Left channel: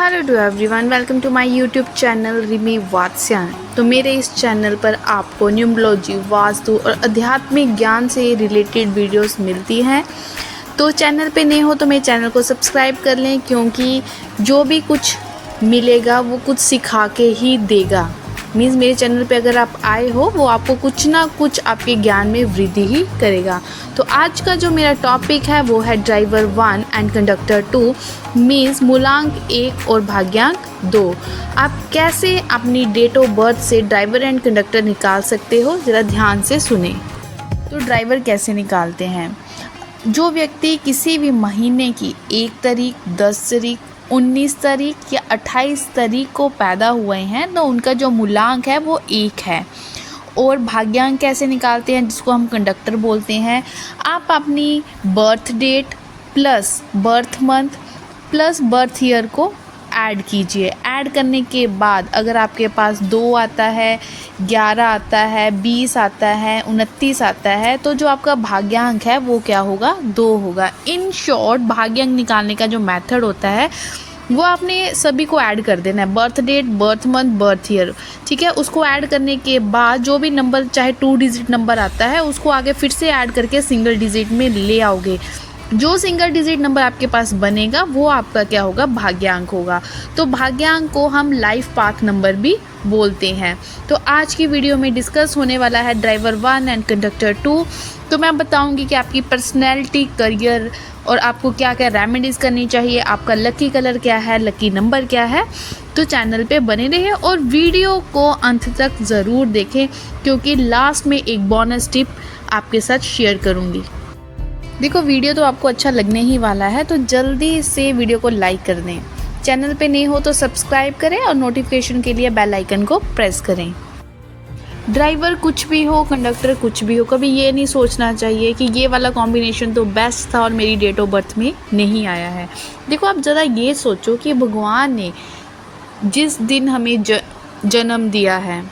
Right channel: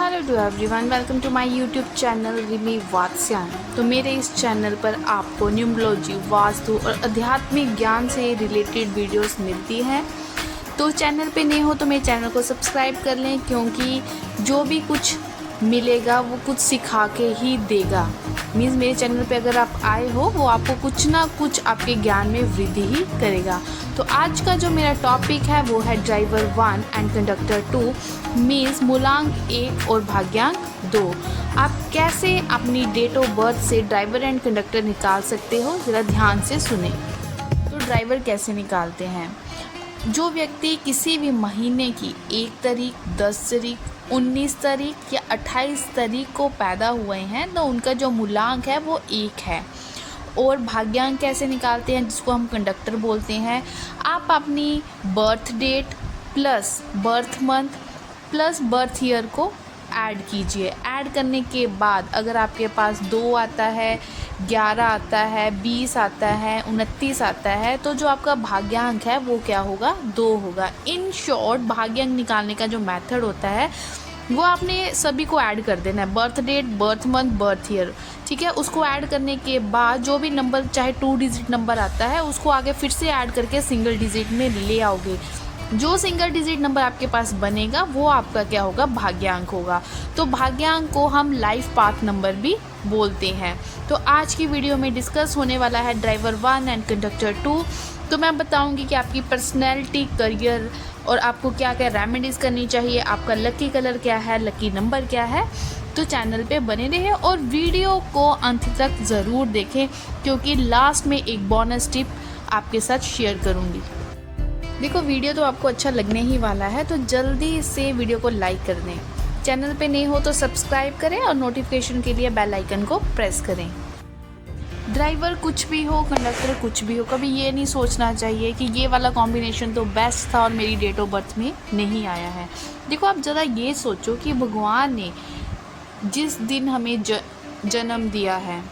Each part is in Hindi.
Hello to everyone, welcome to my YouTube channel Rimi Vatsyayan. तो मेरे इस चैनल पर आपको न्यूमरोलॉजी, वास्तु और आध्यात्मिक ज्ञान से रिलेटेड वीडियोस मिलती हैं। तो चैनल पे नए हो तो मेरे चैनल को सब्सक्राइब कर लें, क्योंकि जो भी कुछ मिलेगा वो कुछ सिखा के ही देगा। मीन्स मेरे चैनल पे अगर आप आए हो वो आपको कुछ ना कुछ आपके ज्ञान में वृद्धि ही करेगा। तो आज का जो मेरा टॉपिक है वो है ड्राइवर 1 एंड कंडक्टर 2, मीन्स मूलांक 1 और भाग्यांक 2। आप कैसे अपनी डेट ऑफ बर्थ से ड्राइवर एंड कंडक्टर निकाल सकते हो, ज़रा ध्यान से सुने। तो ड्राइवर कैसे निकालते हैं? जो व्यक्ति किसी भी महीने की 1 तारीख, 10 तारीख, 19 तारीख या 28 तारीख को पैदा हुए हैं तो उनका जो मूलांक है वो 1 है। और भाग्यांक कैसे निकालते हैं, जिसको हम कंडक्टर बोलते हैं? आप अपनी birth date plus birth month plus birth year को ऐड कीजिए। ऐड करने के बाद अगर आपके पास 2 आता है, 11 आता है, 20 आता है, 29 आता है, तो जो आपका भाग्यांक है वो क्या होगा? 2 होगा। इन शॉर्ट भाग्यांक निकालने का जो मेथड होता है वो आपने सभी को ऐड कर देना है, birth date, birth month, birth year, ठीक है। उसको ऐड करने के बाद जो भी नंबर, चाहे 2 डिजिट नंबर आता है, उसको आगे फिर से ऐड करके सिंगल डिजिट में ले आओगे। जो सिंगल डिजिट नंबर आपके पास बनेगा वो आपका क्या होगा? भाग्यांक होगा। तो भाग्यांक को हम लाइफ पाथ नंबर भी बोलते हैं। तो आज की वीडियो में डिस्कस होने वाला है ड्राइवर 1 एंड कंडक्टर 2। तो मैं बताऊंगी कि आपकी पर्सनैलिटी, करियर और आपको क्या क्या रेमेडीज़ करनी चाहिए, आपका लकी कलर क्या है, लकी नंबर क्या है। तो चैनल पे बने रहिए और वीडियो को अंत तक ज़रूर देखें, क्योंकि लास्ट में एक बोनस टिप आपके साथ शेयर करूँगी। देखो, वीडियो तो आपको अच्छा लगने ही वाला है, तो जल्दी से वीडियो को लाइक कर दें। चैनल पे नए हो तो सब्सक्राइब करें और नोटिफिकेशन के लिए बेल आइकन को प्रेस करें। ड्राइवर कुछ भी हो, कंडक्टर कुछ भी हो, कभी ये नहीं सोचना चाहिए कि ये वाला कॉम्बिनेशन तो बेस्ट था और मेरी डेट ऑफ बर्थ में नहीं आया है। देखो, आप ज़रा ये सोचो कि भगवान ने जिस दिन हमें जन्म दिया है,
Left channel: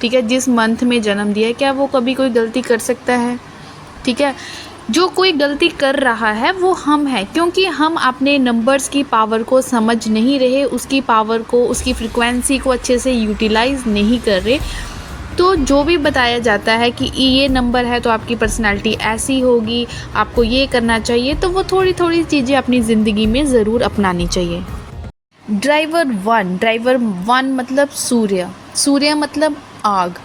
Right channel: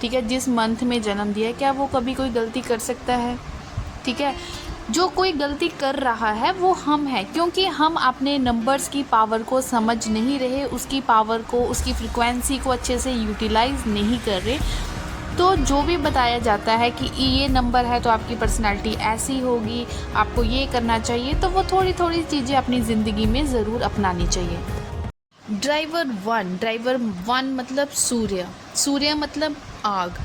ठीक है, जिस मंथ में जन्म दिया है, क्या वो कभी कोई गलती कर सकता है? ठीक है, जो कोई गलती कर रहा है वो हम हैं, क्योंकि हम अपने नंबर्स की पावर को समझ नहीं रहे, उसकी पावर को, उसकी फ्रिक्वेंसी को अच्छे से यूटिलाइज नहीं कर रहे। तो जो भी बताया जाता है कि ये नंबर है तो आपकी पर्सनालिटी ऐसी होगी, आपको ये करना चाहिए, तो वो थोड़ी थोड़ी चीज़ें अपनी ज़िंदगी में ज़रूर अपनानी चाहिए। ड्राइवर 1 मतलब सूर्य, सूर्य मतलब आग।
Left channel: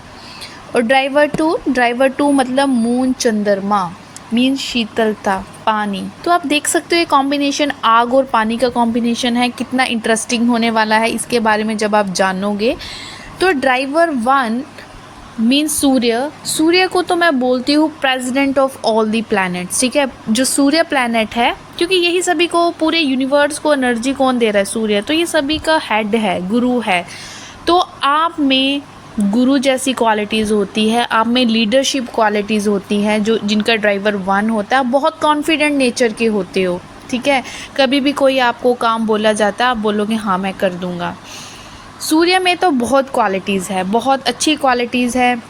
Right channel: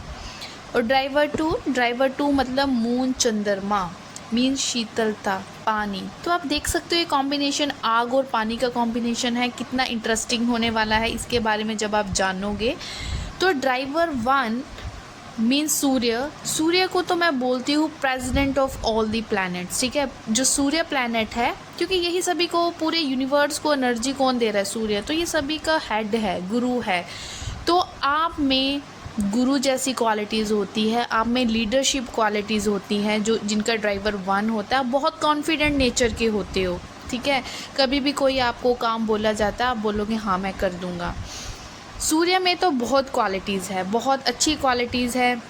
और ड्राइवर 2 मतलब मून, चंद्रमा, मीन शीतलता, पानी। तो आप देख सकते हो ये कॉम्बिनेशन आग और पानी का कॉम्बिनेशन है, कितना इंटरेस्टिंग होने वाला है इसके बारे में जब आप जानोगे। तो ड्राइवर 1 मीन सूर्य को तो मैं बोलती हूँ president of all the planets, ठीक है। जो सूर्य प्लैनेट है, क्योंकि यही सभी को, पूरे यूनिवर्स को एनर्जी कौन दे रहा है? सूर्य। तो ये सभी का हेड है, गुरु है। तो आप में गुरु जैसी क्वालिटीज़ होती है, आप में लीडरशिप क्वालिटीज़ होती हैं, जो जिनका ड्राइवर 1 होता है। बहुत कॉन्फिडेंट नेचर के होते हो, ठीक है। कभी भी कोई आपको काम बोला जाता है, आप बोलोगे हाँ मैं कर दूँगा। सूर्य में तो बहुत क्वालिटीज़ है, बहुत अच्छी क्वालिटीज़ है।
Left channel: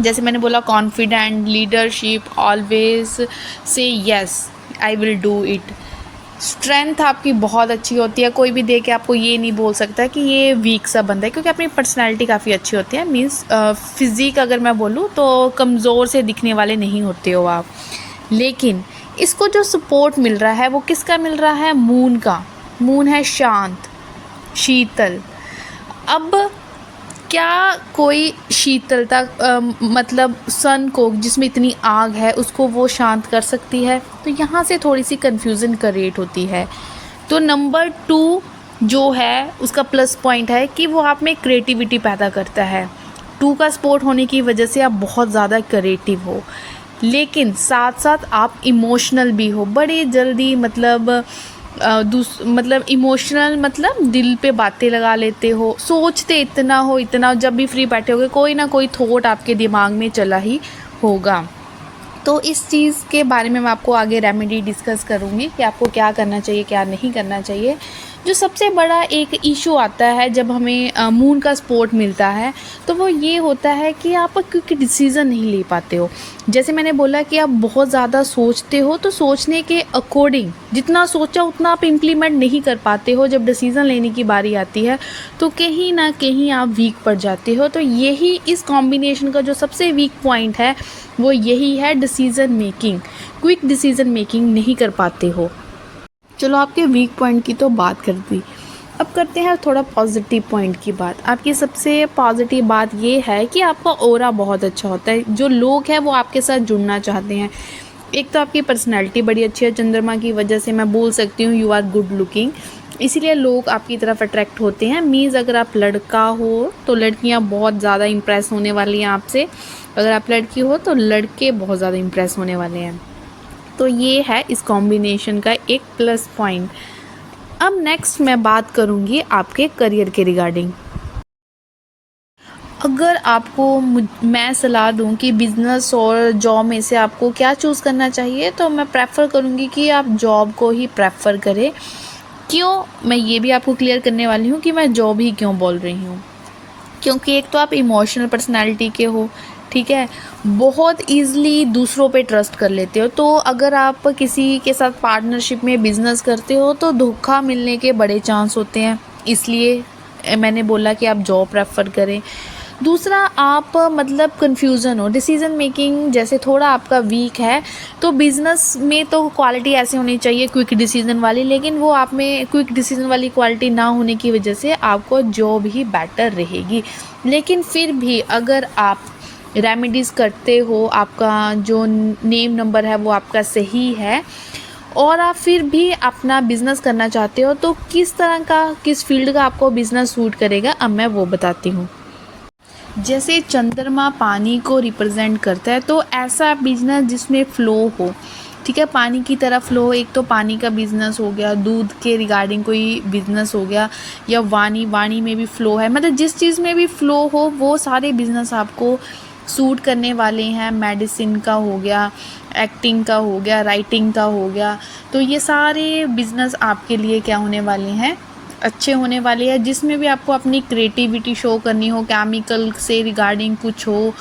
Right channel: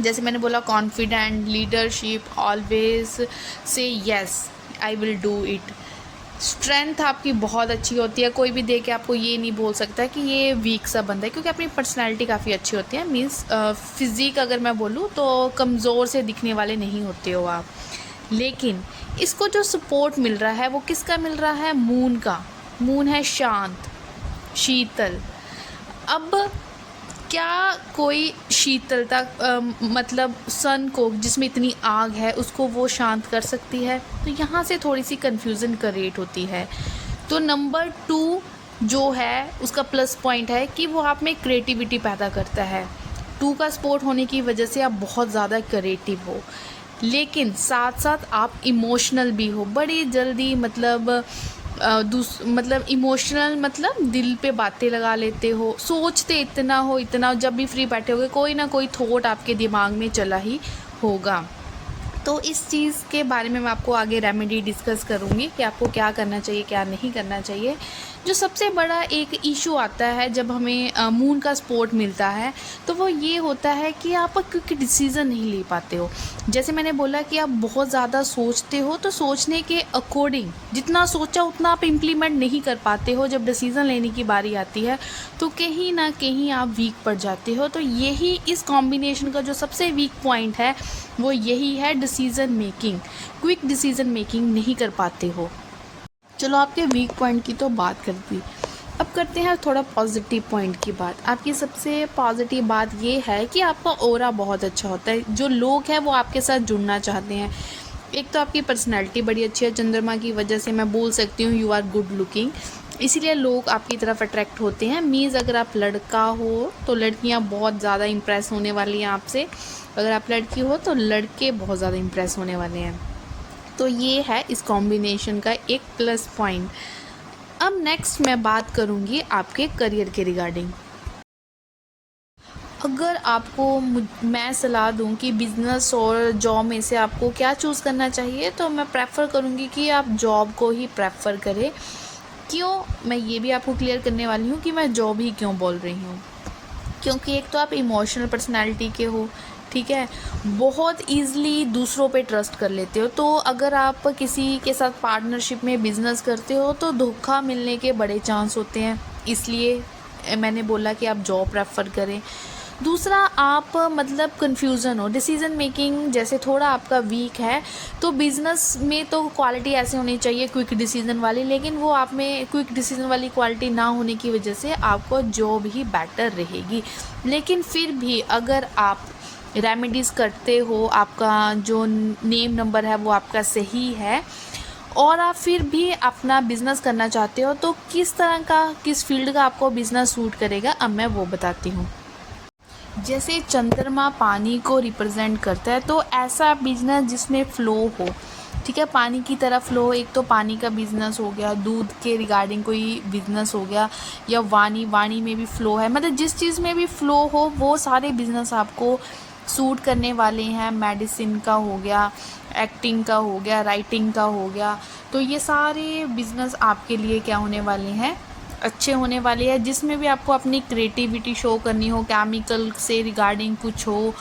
जैसे मैंने बोला, confident, leadership, always say yes I will do it. Strength आपकी बहुत अच्छी होती है, कोई भी देख के आपको ये नहीं बोल सकता कि ये वीक सा बंदा है, क्योंकि अपनी पर्सनालिटी काफ़ी अच्छी होती है। मीन्स फिज़िक अगर मैं बोलूँ तो कमज़ोर से दिखने वाले नहीं होते हो आप। लेकिन इसको जो सपोर्ट मिल रहा है वो किसका मिल रहा है? मून का। मून है शांत, शीतल। अब क्या कोई शीतलता मतलब सन को, जिसमें इतनी आग है, उसको वो शांत कर सकती है? तो यहाँ से थोड़ी सी कन्फ्यूज़न क्रिएट होती है। तो नंबर 2 जो है उसका प्लस पॉइंट है कि वो आप में क्रिएटिविटी पैदा करता है। 2 का सपोर्ट होने की वजह से आप बहुत ज़्यादा क्रिएटिव हो, लेकिन साथ साथ आप इमोशनल भी हो, बड़े जल्दी, मतलब इमोशनल, मतलब दिल पे बातें लगा लेते हो, सोचते इतना, जब भी फ्री बैठे होगे कोई ना कोई थॉट आपके दिमाग में चला ही होगा। तो इस चीज़ के बारे में मैं आपको आगे रेमेडी डिस्कस करूँगी कि आपको क्या करना चाहिए, क्या नहीं करना चाहिए। जो सबसे बड़ा एक इशू आता है जब हमें मून का सपोर्ट मिलता है, तो वो ये होता है कि आप क्विक डिसीज़न नहीं ले पाते हो। जैसे मैंने बोला कि आप बहुत ज़्यादा सोचते हो, तो सोचने के अकॉर्डिंग जितना सोचा उतना आप इम्प्लीमेंट नहीं कर पाते हो। जब डिसीज़न लेने की बारी आती है तो कहीं ना कहीं आप वीक पड़ जाते हो। तो यही इस कॉम्बिनेशन का जो सबसे वीक पॉइंट है वो यही है, decision making. Quick decision making नहीं कर पाते हो। चलो आपके वीक पॉइंट की तो बात कर दी, अब करते हैं थोड़ा पॉजिटिव पॉइंट की बात। आपकी सबसे पॉजिटिव बात ये है कि आपका ऑरा बहुत अच्छा होता है। जो लोग हैं वो आपके साथ जुड़ना चाहते हैं। एक तो आपकी पर्सनैलिटी बड़ी अच्छी है, चंद्रमा की वजह से मैं बोल सकती हूँ यू आर गुड लुकिंग, इसीलिए लोग आपकी तरफ अट्रैक्ट होते हैं। मीन्स अगर आप लड़का हो तो लड़कियाँ बहुत ज़्यादा इम्प्रेस होने वाली हैं आपसे, अगर आप लड़की हो तो लड़के बहुत ज़्यादा इम्प्रेस होने वाले हैं। तो ये है इस कॉम्बिनेशन का एक प्लस पॉइंट। अब नेक्स्ट मैं बात करूँगी आपके करियर के रिगार्डिंग। अगर आपको मैं सलाह दूं कि बिज़नेस और जॉब में से आपको क्या चूज़ करना चाहिए, तो मैं प्रेफर करूंगी कि आप जॉब को ही प्रेफर करें। क्यों, मैं ये भी आपको क्लियर करने वाली हूँ कि मैं जॉब ही क्यों बोल रही हूँ। क्योंकि एक तो आप इमोशनल पर्सनालिटी के हो, ठीक है, बहुत ईज़िली दूसरों पे ट्रस्ट कर लेते हो। तो अगर आप किसी के साथ पार्टनरशिप में बिज़नेस करते हो तो धोखा मिलने के बड़े चांस होते हैं, इसलिए मैंने बोला कि आप जॉब प्रेफर करें। दूसरा, आप मतलब कन्फ्यूज़न हो, डिसीज़न मेकिंग जैसे थोड़ा आपका वीक है, तो बिज़नेस में तो क्वालिटी ऐसी होनी चाहिए क्विक डिसीज़न वाली, लेकिन वो आप में क्विक डिसीज़न वाली क्वालिटी ना होने की वजह से आपको जॉब ही बेटर रहेगी। लेकिन फिर भी अगर आप रेमेडीज़ करते हो, आपका जो नेम नंबर है वो आपका सही है और आप फिर भी अपना बिज़नेस करना चाहते हो, तो किस तरह का, किस फील्ड का आपको बिज़नेस सूट करेगा, अब मैं वो बताती हूँ। जैसे चंद्रमा पानी को रिप्रेजेंट करता है, तो ऐसा बिजनेस जिसमें फ़्लो हो, ठीक है, पानी की तरह फ़्लो हो। एक तो पानी का बिज़नेस हो गया, दूध के रिगार्डिंग कोई बिज़नेस हो गया, या वाणी में भी फ़्लो है, मतलब जिस चीज़ में भी फ़्लो हो वो सारे बिज़नेस आपको सूट करने वाले हैं। मेडिसिन का हो गया, एक्टिंग का हो गया, राइटिंग का हो गया, तो ये सारे बिज़नेस आपके लिए क्या होने वाले हैं, अच्छे होने वाले हैं। जिसमें भी आपको अपनी क्रिएटिविटी शो करनी हो, केमिकल से रिगार्डिंग कुछ हो,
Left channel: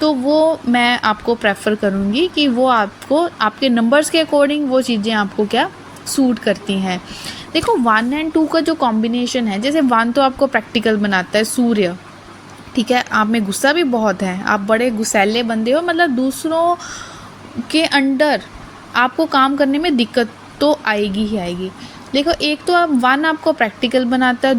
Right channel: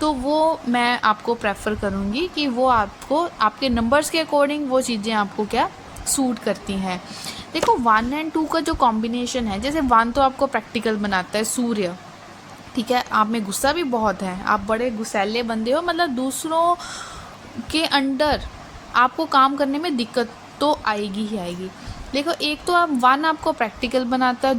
तो वो मैं आपको प्रेफर करूँगी कि वो आपको आपके नंबर्स के अकॉर्डिंग वो चीज़ें आपको क्या सूट करती हैं। देखो 1 और 2 का जो कॉम्बिनेशन है, जैसे 1 तो आपको प्रैक्टिकल बनाता है, सूर्य, ठीक है, आप में गुस्सा भी बहुत है, आप बड़े गुस्सैले बंदे हो, मतलब दूसरों के अंडर आपको काम करने में दिक्कत तो आएगी ही आएगी। देखो, एक तो आप 1 आपको प्रैक्टिकल बनाता है,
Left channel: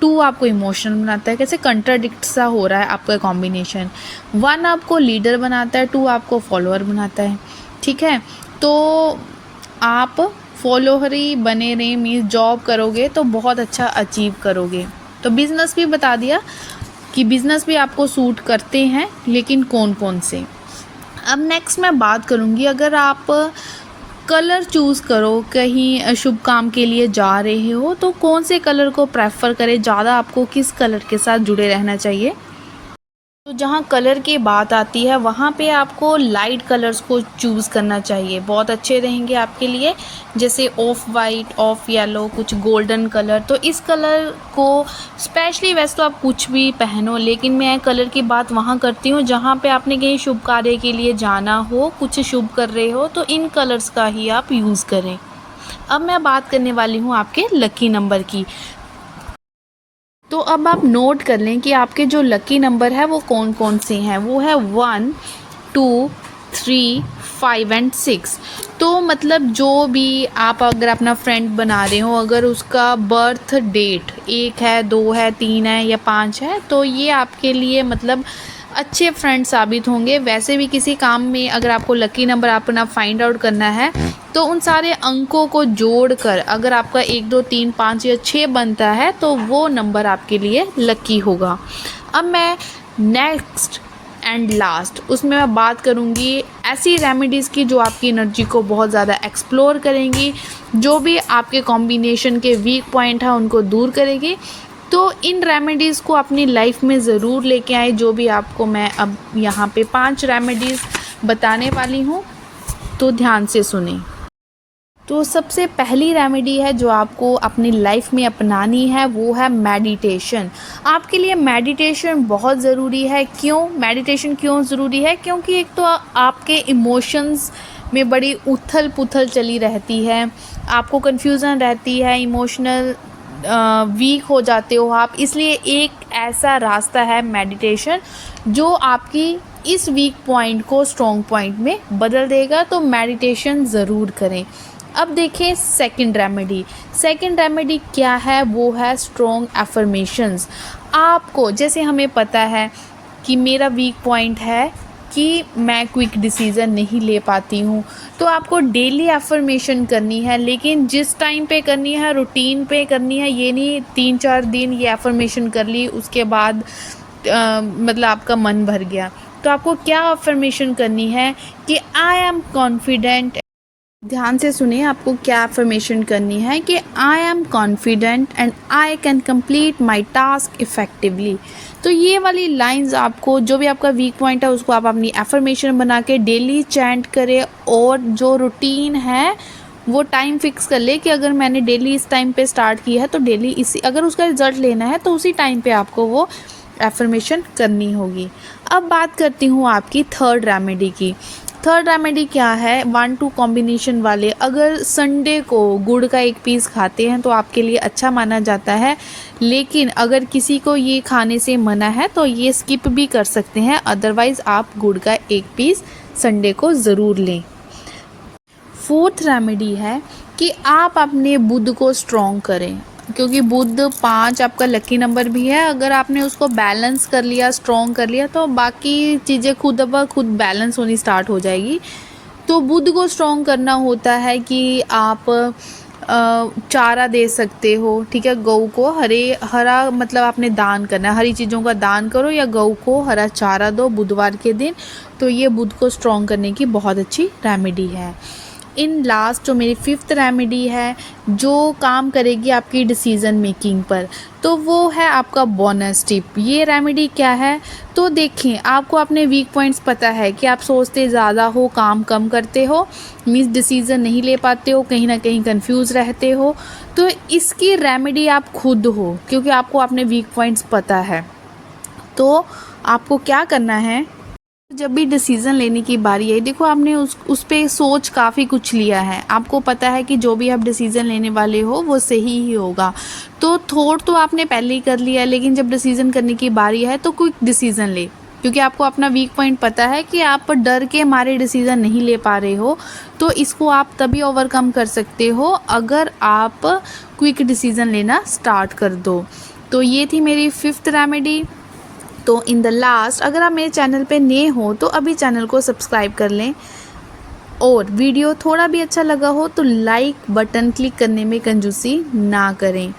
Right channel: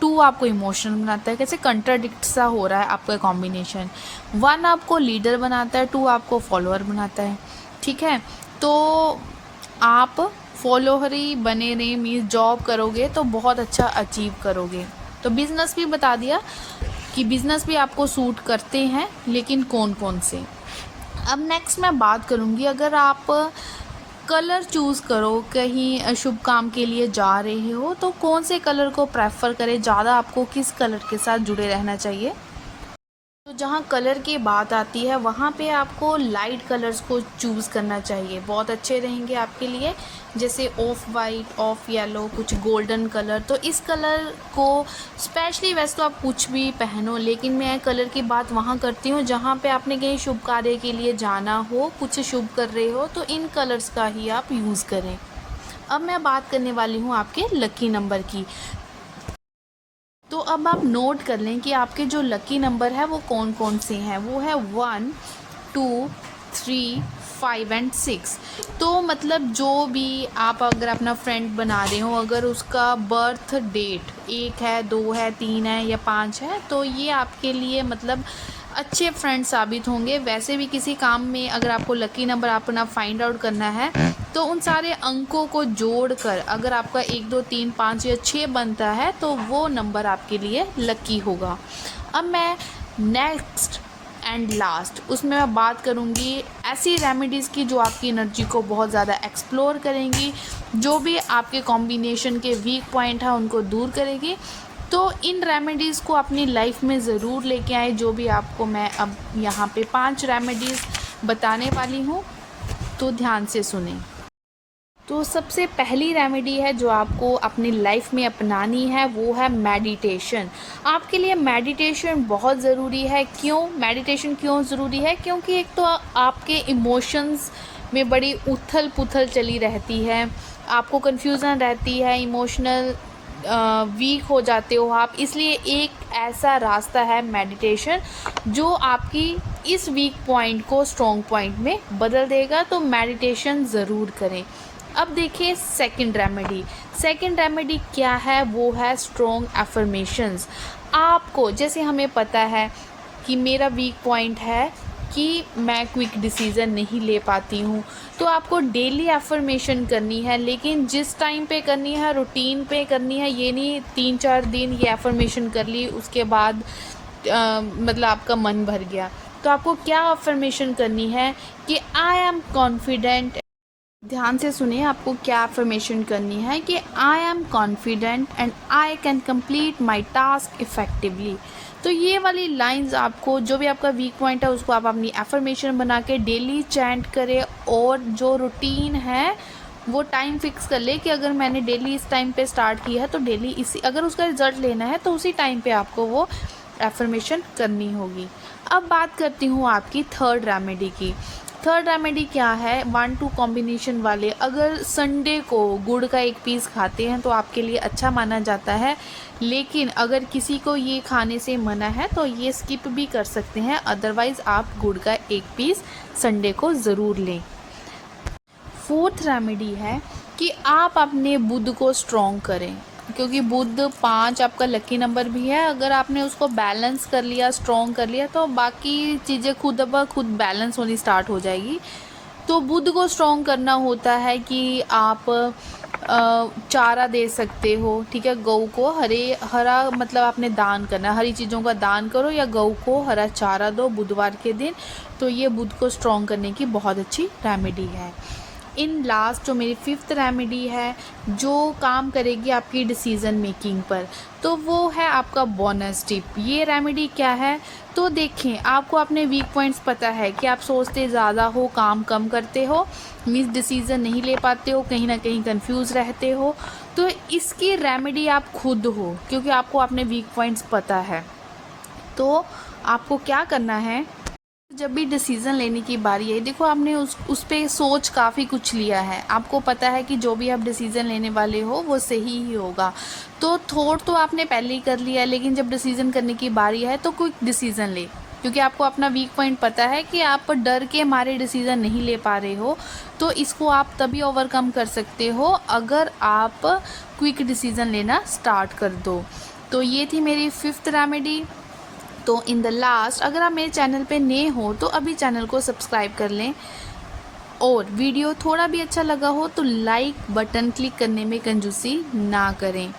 2 आपको इमोशनल बनाता है। कैसे कंट्राडिक्ट सा हो रहा है आपका कॉम्बिनेशन। 1 आपको लीडर बनाता है, 2 आपको फॉलोअर बनाता है, ठीक है। तो आप फॉलोअर ही बने रहें, मीन्स जॉब करोगे तो बहुत अच्छा अचीव करोगे। तो बिज़नेस भी बता दिया कि बिज़नेस भी आपको सूट करते हैं, लेकिन कौन कौन से। अब नेक्स्ट मैं बात करूँगी, अगर आप कलर चूज़ करो, कहीं शुभ काम के लिए जा रहे हो, तो कौन से कलर को प्रेफर करें, ज़्यादा आपको किस कलर के साथ जुड़े रहना चाहिए। तो जहाँ कलर की बात आती है वहाँ पे आपको लाइट कलर्स को चूज़ करना चाहिए, बहुत अच्छे रहेंगे आपके लिए। जैसे ऑफ वाइट, ऑफ येलो, कुछ गोल्डन कलर, तो इस कलर को स्पेशली, वैसे तो आप कुछ भी पहनो, लेकिन मैं कलर की बात वहाँ करती हूँ जहाँ पे आपने कहीं शुभ कार्य के लिए जाना हो, कुछ शुभ कर रहे हो, तो इन कलर्स का ही आप यूज़ करें। अब मैं बात करने वाली हूँ आपके लकी नंबर की। तो अब आप नोट कर लें कि आपके जो लकी नंबर है वो कौन कौन से हैं। वो है 1, 2, 3, 5 एंड 6। तो मतलब जो भी आप अगर अपना फ्रेंड बना रहे हो, अगर उसका बर्थ डेट 1 है, 2 है, 3 है या 5 है, तो ये आपके लिए मतलब अच्छे फ्रेंड साबित होंगे। वैसे भी किसी काम में अगर आपको लकी नंबर अपना फाइंड आउट करना है, तो उन सारे अंकों को जोड़कर अगर आपका 1, 2, 3, 5 या 6 बनता है, तो वो नंबर आपके लिए लकी होगा। अब मैं नेक्स्ट एंड लास्ट उसमें मैं बात करूँगी ऐसी रेमेडीज़ की जो आपकी एनर्जी को बहुत ज़्यादा एक्सप्लोर करेंगी, जो भी आपके कॉम्बिनेशन के वीक पॉइंट है उनको दूर करेगी। तो इन रेमेडीज़ को अपनी लाइफ में ज़रूर लेके आए, जो भी आपको मैं अब यहाँ पे 5 रेमेडीज़ बताने वाली हूँ, तो ध्यान से सुने। तो सबसे पहली रेमेडी है जो आपको अपनी लाइफ में अपनानी है, वो है मेडिटेशन। आपके लिए मेडिटेशन बहुत ज़रूरी है। क्यों मेडिटेशन क्यों ज़रूरी है? क्योंकि एक तो आपके इमोशंस में बड़ी उथल पुथल चली रहती है, आपको कन्फ्यूज़न रहती है, इमोशनल वीक हो जाते हो आप। इसलिए एक ऐसा रास्ता है मेडिटेशन जो आपकी इस वीक पॉइंट को स्ट्रॉन्ग पॉइंट में बदल देगा। तो मेडिटेशन ज़रूर करें। अब देखें सेकंड रेमेडी क्या है, वो है स्ट्रॉन्ग एफर्मेशंस। आपको जैसे हमें पता है कि मेरा वीक पॉइंट है कि मैं क्विक डिसीज़न नहीं ले पाती हूँ, तो आपको डेली एफर्मेशन करनी है, लेकिन जिस टाइम पे करनी है रूटीन पे करनी है। ये नहीं 3-4 दिन ये एफर्मेशन कर ली उसके बाद मतलब आपका मन भर गया। तो आपको क्या एफर्मेशन करनी है कि आई एम कॉन्फिडेंट। ध्यान से सुने, आपको क्या अफर्मेशन करनी है कि I am confident and I can complete my task effectively. तो ये वाली लाइंस आपको, जो भी आपका वीक पॉइंट है उसको आप अपनी अफर्मेशन बना के डेली चैंट करें। और जो रूटीन है वो टाइम फिक्स कर ले कि अगर मैंने डेली इस टाइम पे स्टार्ट किया है तो डेली इसी, अगर उसका रिज़ल्ट लेना है तो उसी टाइम पे आपको वो एफर्मेशन करनी होगी। अब बात करती हूँ आपकी थर्ड रेमेडी की। थर्ड रेमेडी क्या है? 1-2 कॉम्बिनेशन वाले। अगर संडे को गुड़ का एक पीस खाते हैं तो आपके लिए अच्छा माना जाता है, लेकिन अगर किसी को ये खाने से मना है तो ये स्किप भी कर सकते हैं। अदरवाइज़ आप गुड़ का एक पीस संडे को ज़रूर लें। फोर्थ रेमेडी है कि आप अपने बुध को स्ट्रॉन्ग करें, क्योंकि बुध 5 आपका लकी नंबर भी है। अगर आपने उसको बैलेंस कर लिया, स्ट्रॉन्ग कर लिया, तो बाकी चीज़ें खुद ब खुद बैलेंस होनी स्टार्ट हो जाएगी। तो बुध को स्ट्रॉन्ग करना होता है कि आप चारा दे सकते हो, ठीक है। गऊ को हरा मतलब आपने दान करना है, हरी चीज़ों का दान करो या गऊ को हरा चारा दो बुधवार के दिन। तो ये बुध को स्ट्रॉन्ग करने की बहुत अच्छी रेमेडी है। इन लास्ट जो मेरी 5th रेमेडी है जो काम करेगी आपकी डिसीज़न मेकिंग पर, तो वो है आपका बोनस टिप। ये रेमेडी क्या है? तो देखें, आपको अपने वीक पॉइंट्स पता है कि आप सोचते ज़्यादा हो, काम कम करते हो, मीन्स डिसीज़न नहीं ले पाते हो, कहीं ना कहीं कंफ्यूज रहते हो। तो इसकी रेमेडी आप खुद हो, क्योंकि आपको अपने वीक पॉइंट्स पता है। तो आपको क्या करना है, जब भी डिसीज़न लेने की बारी आई, देखो आपने उस पे सोच काफ़ी कुछ लिया है, आपको पता है कि जो भी आप डिसीज़न लेने वाले हो वो सही ही होगा। तो थॉट तो आपने पहले ही कर लिया, लेकिन जब डिसीज़न करने की बारी है तो क्विक डिसीज़न ले, क्योंकि आपको अपना वीक पॉइंट पता है कि आप डर के मारे डिसीज़न नहीं ले पा रहे हो। तो इसको आप तभी ओवरकम कर सकते हो अगर आप क्विक डिसीज़न लेना स्टार्ट कर दो। तो ये थी मेरी 5th रेमेडी। तो इन द लास्ट, अगर आप मेरे चैनल पे नए हो तो अभी चैनल को सब्सक्राइब कर लें, और वीडियो थोड़ा भी अच्छा लगा हो तो लाइक बटन क्लिक करने में कंजूसी ना करें,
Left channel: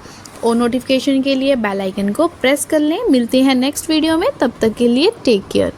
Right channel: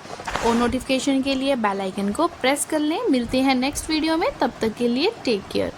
और नोटिफिकेशन के लिए बेल आइकन को प्रेस कर लें। मिलते हैं नेक्स्ट वीडियो में, तब तक के लिए टेक केयर।